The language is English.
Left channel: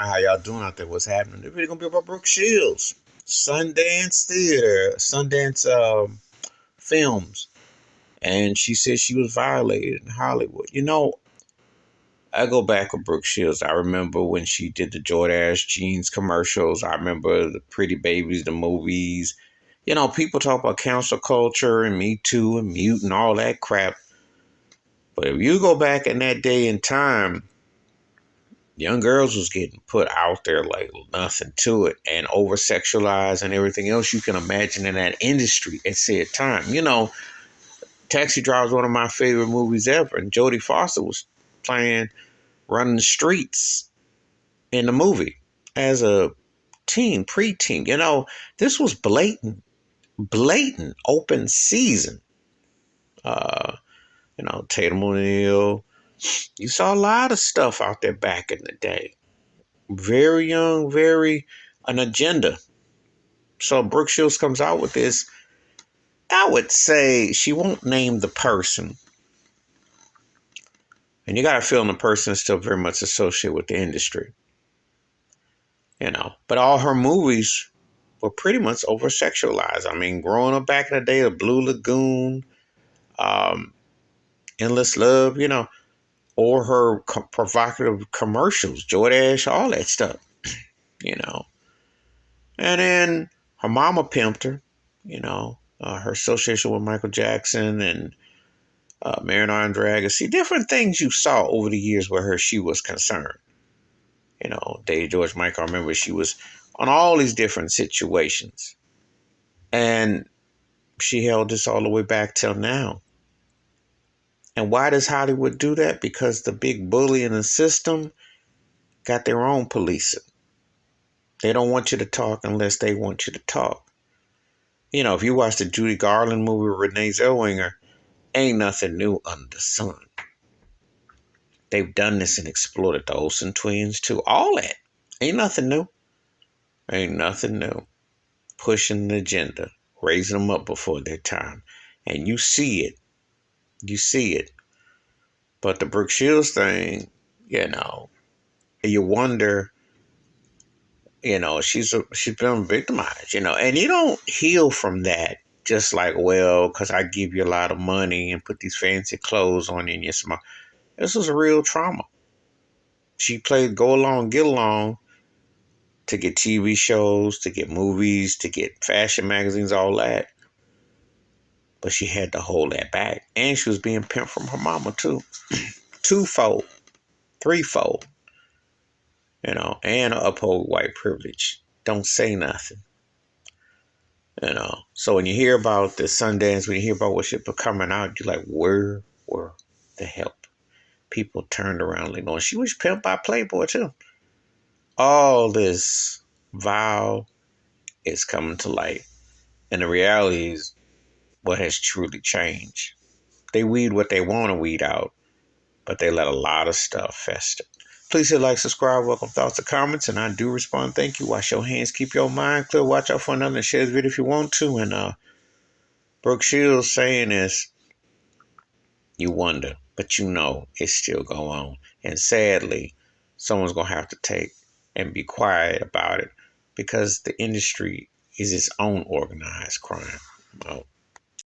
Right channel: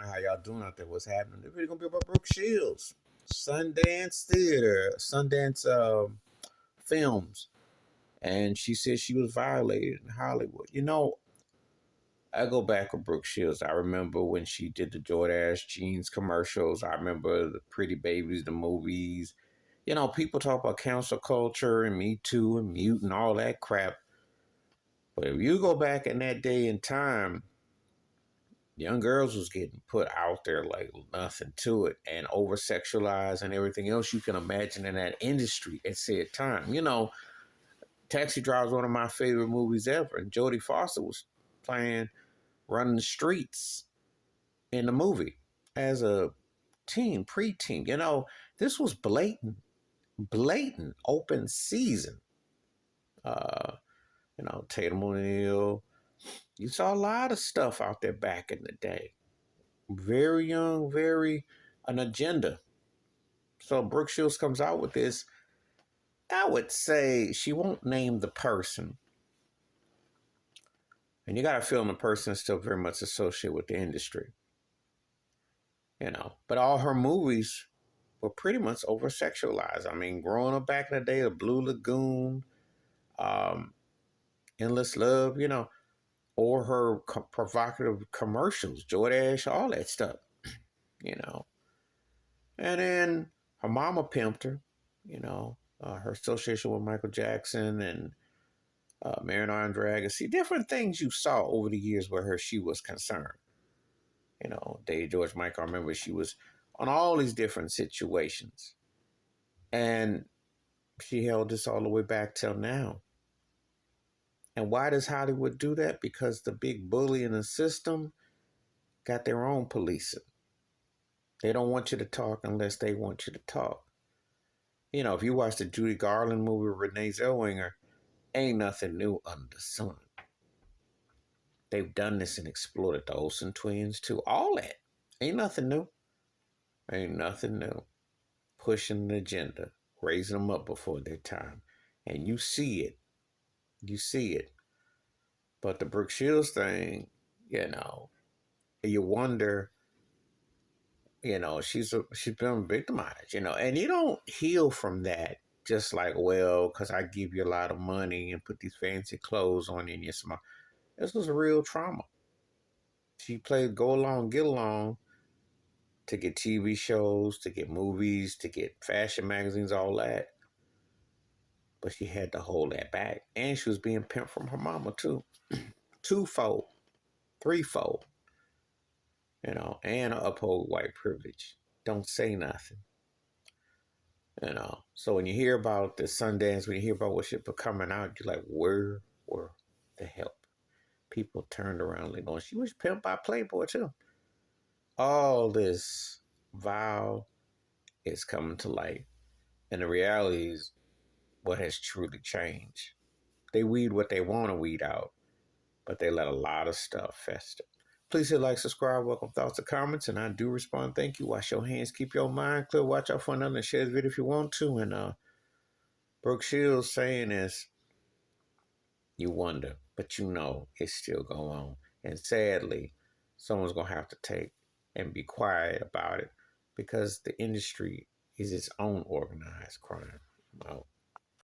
morning. How y'all doing out there? What's happening? They're really gonna be about Brooke Shields, Sundance Theater, Sundance Films, and she said she was violated in Hollywood. I go back with Brooke Shields. I remember when she did the Jordache jeans commercials. I remember the Pretty Babies, the movies. People talk about cancel culture and Me Too and Mute and all that crap. But if you go back in that day and time, young girls was getting put out there like nothing to it and over sexualized and everything else you can imagine in that industry at said time. Taxi Driver is one of my favorite movies ever, and Jodie Foster was playing running the streets in the movie as a teen, preteen. This was blatant open season. Uh, Tatum O'Neal. You saw a lot of stuff out there back in the day. Very young, very an agenda. So Brooke Shields comes out with this. I would say she won't name the person. And you got to feel the person is still very much associated with the industry. But all her movies were pretty much over sexualized. I mean, growing up back in the day, the Blue Lagoon, um, Endless Love, or her provocative commercials, Jordache, all that stuff, you know. And then her mama pimped her, her association with Michael Jackson and Marinara Dragon. See, different things you saw over the years where she was concerned. Dave George Michael, I remember she was on all these different situations. And she held this all the way back till now. And why does Hollywood do that? Because the big bully in the system got their own policing. They don't want you to talk unless they want you to talk. If you watch the Judy Garland movie with Renee Zellweger, ain't nothing new under the sun. They've done this and exploited the Olsen twins too. All that. Ain't nothing new. Ain't nothing new. Pushing an agenda. Raising them up before their time. And you see it. You see it. But the Brooke Shields thing, you wonder, she's been victimized, and you don't heal from that just like, well, because I give you a lot of money and put these fancy clothes on you and you smile. This was a real trauma. She played go along, get along to get TV shows, to get movies, to get fashion magazines, all that. But she had to hold that back. And she was being pimped from her mama too. Twofold, threefold. And uphold white privilege. Don't say nothing. So when you hear about the Sundance, when you hear about what shit coming out, you're like, where were the help? People turned around like, she was pimped by Playboy too. All this vile is coming to light. And the reality is what has truly changed. They weed what they want to weed out, but they let a lot of stuff fester. Please hit like, subscribe, welcome thoughts and comments, and I do respond. Thank you. Wash your hands, keep your mind clear. Watch out for another and share this video if you want to. And Brooke Shields saying is, you wonder, but it still go on. And sadly, someone's going to have to take and be quiet about it because the industry is its own organized crime. Well,